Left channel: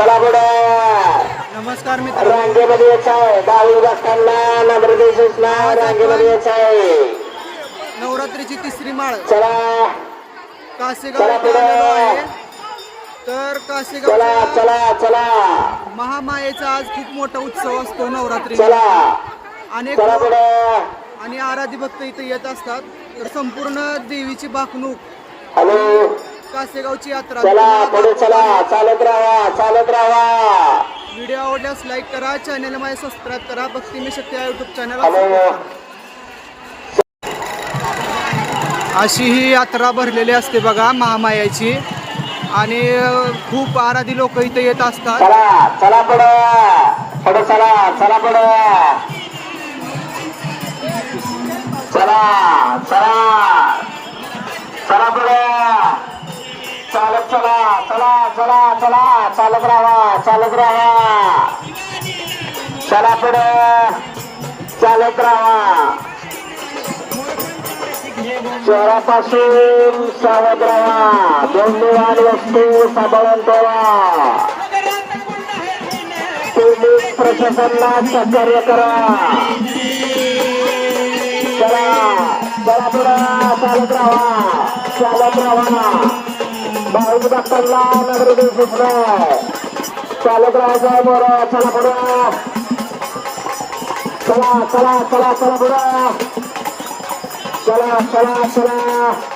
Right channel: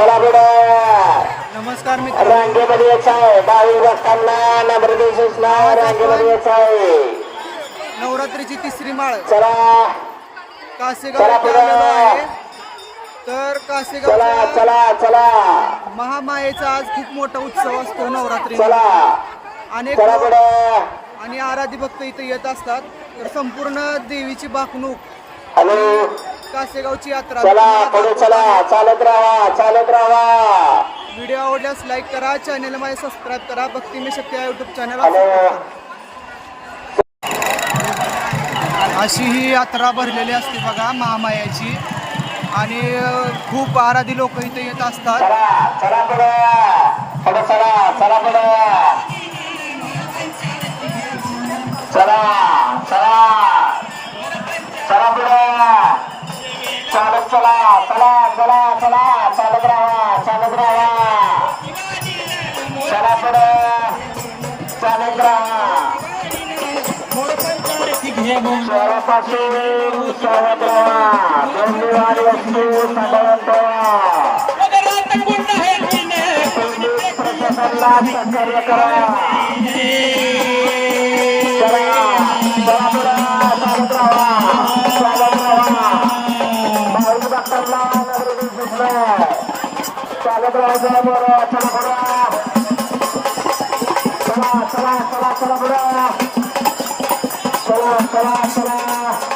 चला पुढे. नमस्कार मित्रांनो रांगेमध्ये यायचं आहे. डावी बसताना नंबर दिवसांना रांगेमध्ये यायचं आहे. नवरात्रीची तिसरी माळ. चला. कासेगाव आलेलो आहे. तर चला कासेगावच्या चला चला महामायेचा आज खूप मोठा उत्सव असतो नवरात्री. चला. अनेक चला आणि आराधी भक्त इथे येत असतात. तर संपूर्ण देवीची बाकणूक आणि कासेगावची यात्रा. चालत राहा चालत राहा. व्हिडिओ आवडल्यास लाईक करा चॅनल माझे सबस्क्राईब करा भक्ती मी शक्ती या युट्यूब चॅनलला करा. अशी ही यात्रा भरलेली असते बघा महामायाची. आणि खूप आराधी लोक इथे येत असतात. चला चला चला चला चला चला. चला पुढे. चालत चला चला चला चला चालत राहा चालत राहा. चला पुढे. चालत राहा. शहरापासून सावध राहा. गौरवानी वस्तू साधारण ठेवा. पोलीस प्रशासनाला सहकार्य करा. चला, चला पुढं, चालत राहा, चालत राहा. बाहेर डॉक्टरला नगर दिसत नाही. चला पुढं चला चला चला चला पुढं चला चला चला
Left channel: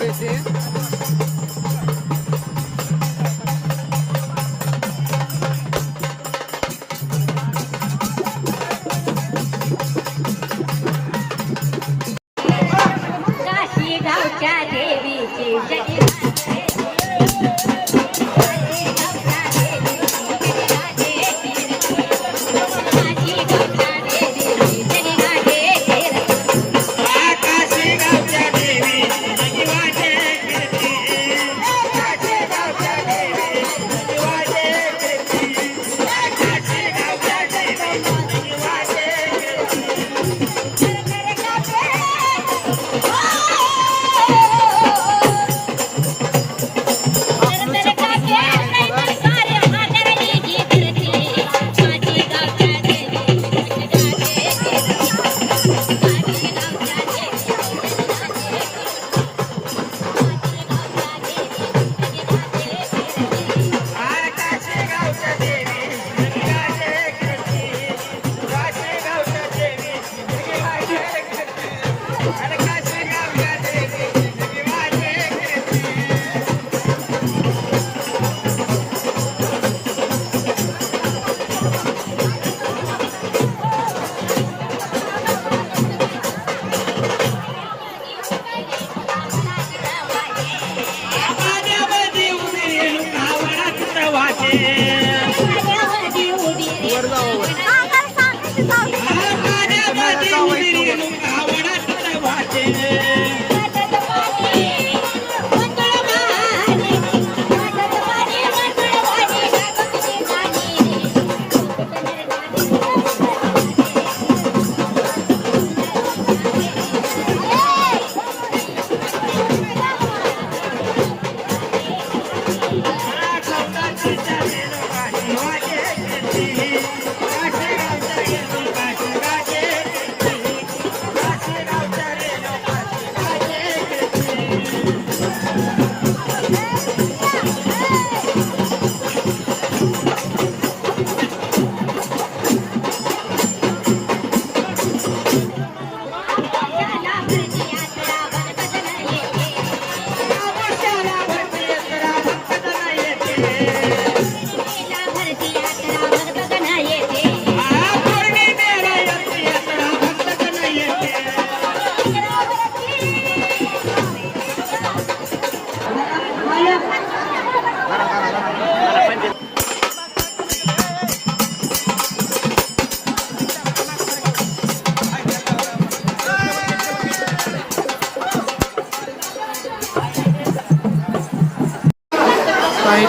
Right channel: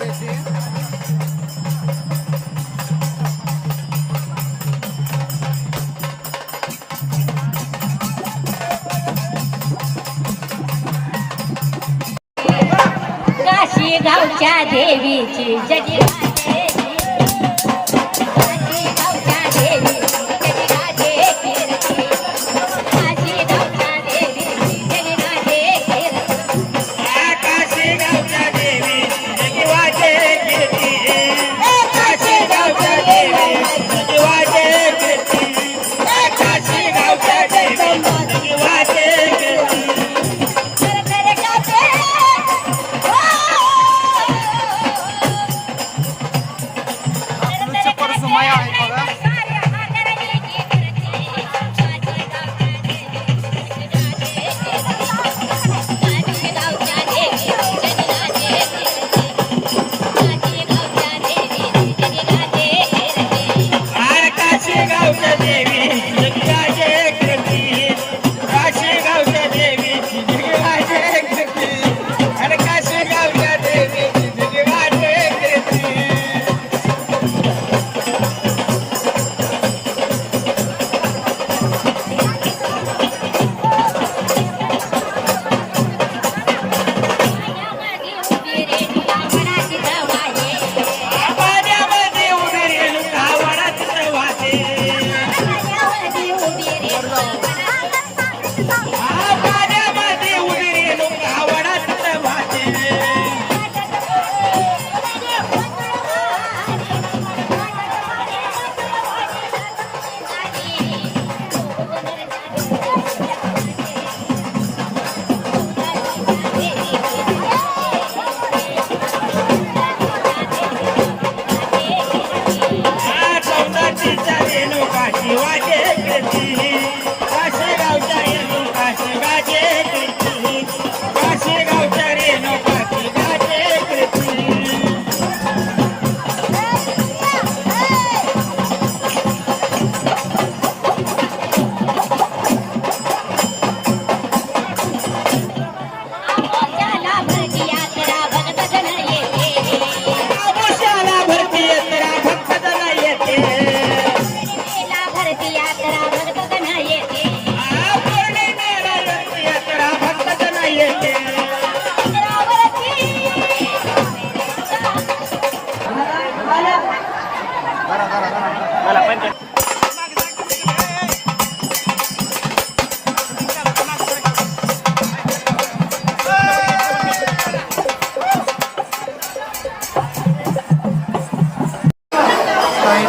पुरेसे. देवीची जगी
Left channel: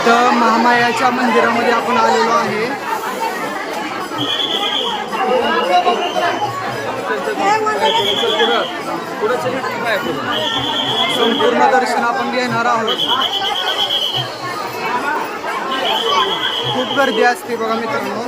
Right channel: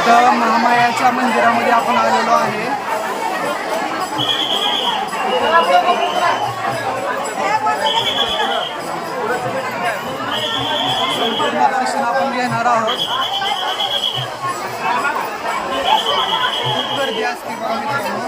इथं महामायाच्या मंदिरामध्ये आपण आलेलो आहे. संपूर्ण दर्शन आपण घेणार आहोत. खूप गर्दी असते बघा मित्रांनो.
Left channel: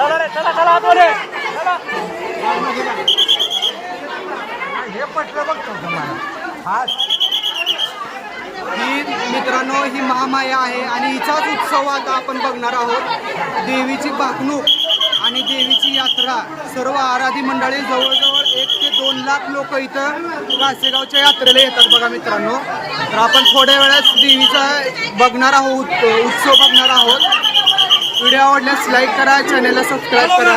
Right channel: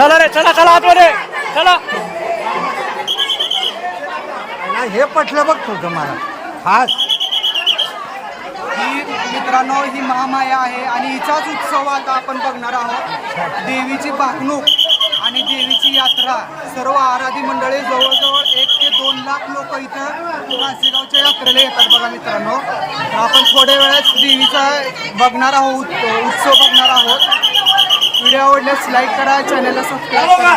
चला रे चला चला आतमध्ये. चला हे पटलं बघ तू आज ही मित्रांनो ही महामाया आहे आणि हिचाच उत्सव आता आपण बघणार आहोत. देवीची भाकणूक आणि देवीची यात्रा. सर्व आराधी मंडळी जवळजवळ एक ते दोन लाख लोक इथं कासेगावच्या यात्रेला येतात बघा मित्रांनो. तर आपण थोड्या वेळात देवीचा बघणार आहोत उत्सव बघणार आहोत. व्हिडिओ आवडल्यास लाईक करा चॅनलला सबस्क्राईब करा.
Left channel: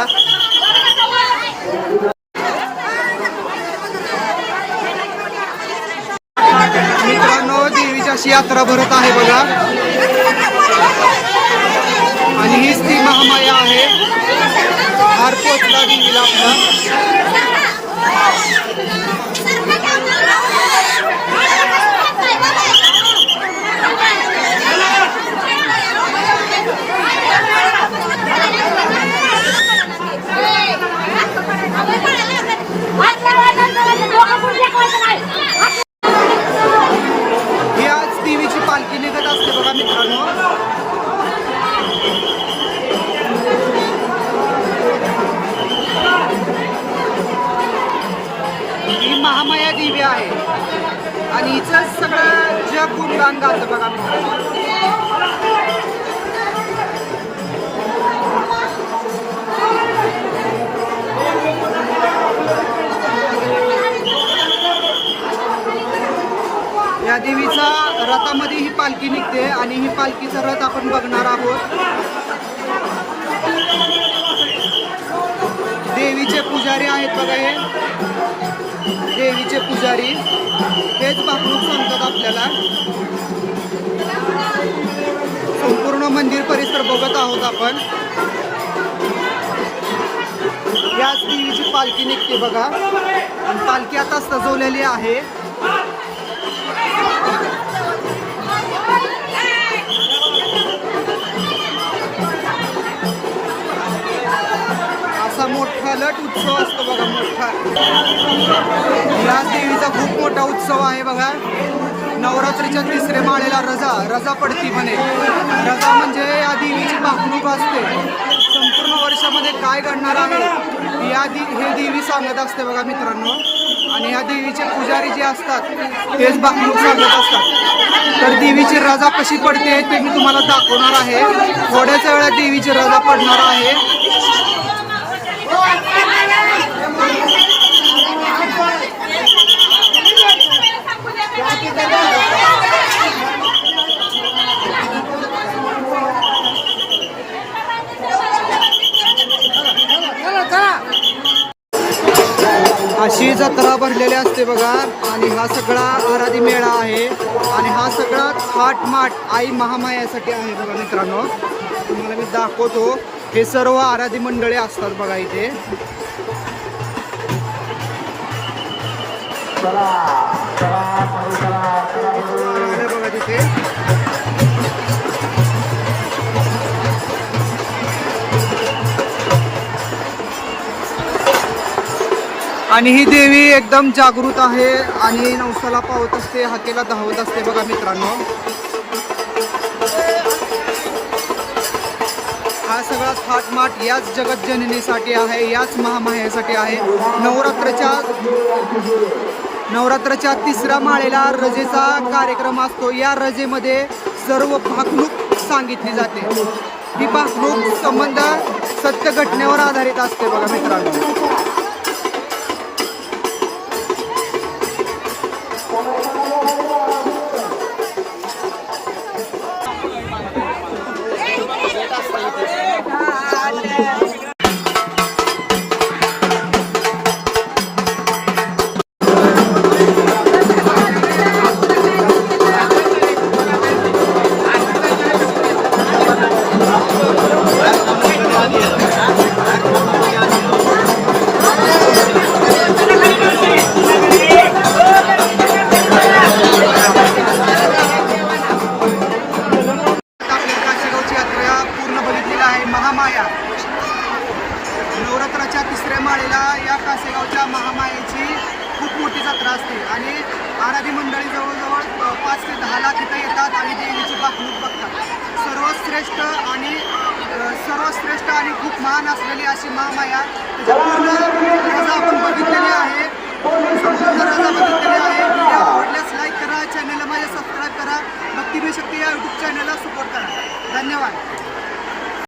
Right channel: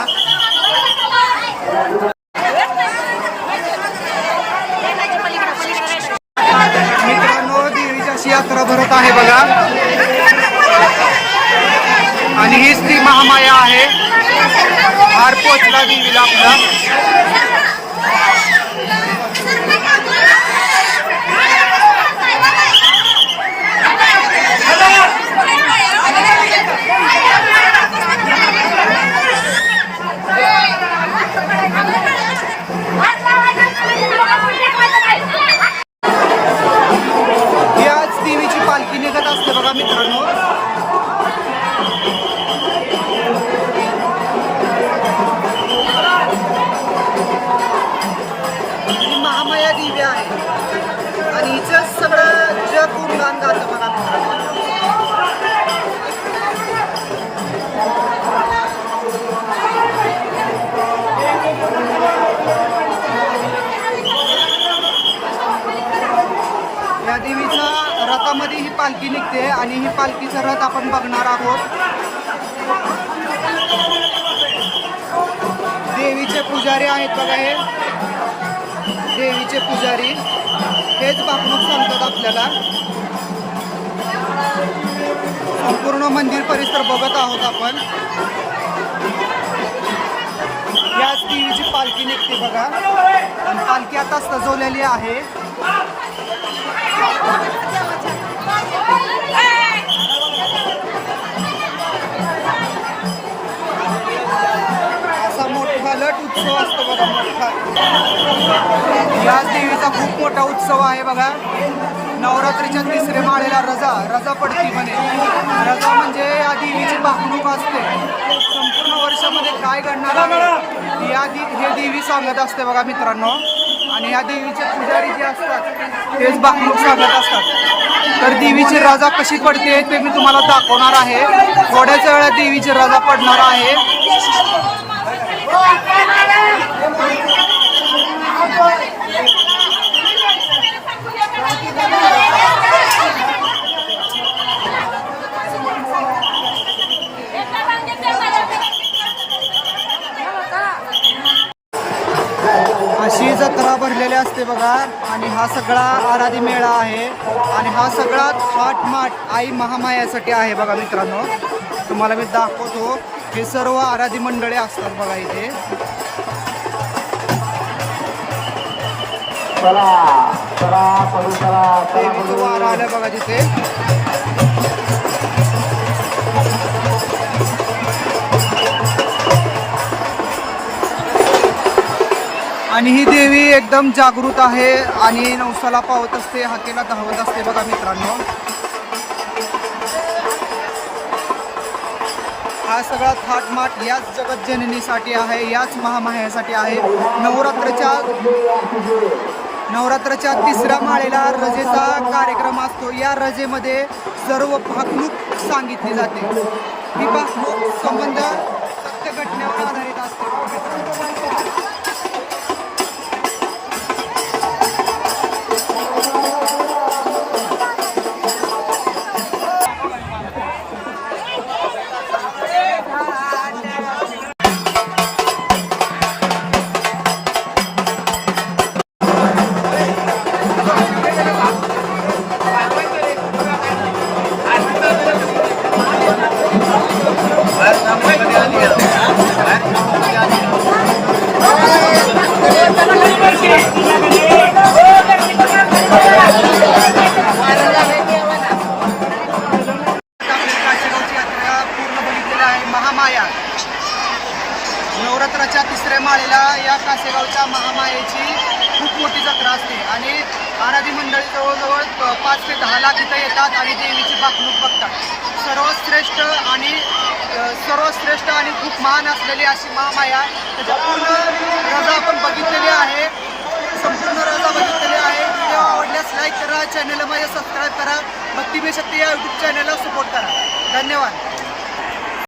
मित्रांनो देवीची अशी यात्रा भरत आहे बघा. आणि हीच ती महामाया आहे. हार पोचला देवीला आपला. या देवीचा रथामध्ये ही पालखी निघते आणि ही पालखीचा रथ आपण बघणार आहोत. देवीचे पुजारी आहेत बघा हे. देवीचे पुजारी. हेच भाकणूक सांगतात आपल्याला. संपूर्ण मंदिर परिसर बघत आहोत आपण. याच देवीची पालखी निघते बघा. आणि पालखी आता सजवलेली आहे. असा मोठा लट उत्सव असतो बघा मोठा. याच देवीचा खूप मोठा उत्सव आहे बघा. नवरात्रीच्या तिसरे माळेला रजा रजा पडती म्हणे. रजा म्हणजे या देवीची भाकणूक असते. संपूर्ण वर्षामध्ये काय घडणार आहे या दि हे देवी सांगत असते बघा मित्रांनो. आणि या देवीचे पुजारी जे असतात तेच भाकणूक सांगत असतात. तर देवीची रजा कशी पडते ते मी तुम्हाला दाखवणार आहे. थोड्याच वेळात देवीची रजा पडणार आहे. अशी जत्रा भरलेली असते बघा. आणि हा सगळा आराधी मेळा आहे. आणि हा सगळा थाटमाट आई महामायासाठी आहे बघा मित्रांनो. तुम्हाला मी दाखवतो. हे सर्व आराधी मंडळे असतात बघा इथे. देवीचं वारं आलं बघा तिथे. आणि ही देवी एकदम जागृत आहे आणि नवसाला पावत असते हाकेला धावत असते बघा मित्रांनो. हा सगळा थाटमाट याच जगतजननीसाठी आहे याच महामायासाठी आहे. नवरात्रच्या नवरात्राच्या तिसऱ्या माळेला रजेचा कार्यक्रम असतो. या रजेमध्ये सर्व भाकणूक सांगितली जाते. ही भाकणूक संबंध सत्य घटनेवर आधारित असते बघा मित्रांनो. नवरात्राच्या तिसऱ्या माळेला या कासेगावच्या महामायेची खूप मोठी जत्रा असते. आणि आराधी मंडळी जवळजवळ पाच ते दहा लाख इथं येतात आणि देवीची बाकणूक बघतात. सर्वश्रेष्ठ आणि सर्वश्रेष्ठ आणि खूप महान असलेली अशी महामाया त्याच्या पूर्ण रजा आपण बघितलेली आहे. संपूर्ण रजा बघितलेली आहे. व्हिडिओ आवडल्यास लाईक करा चॅनलला माझ्या सबस्क्राईब करा. भक्तिमय शक्ती या यूट्यूब चॅनलला सपोर्ट करा. धन्यवाद.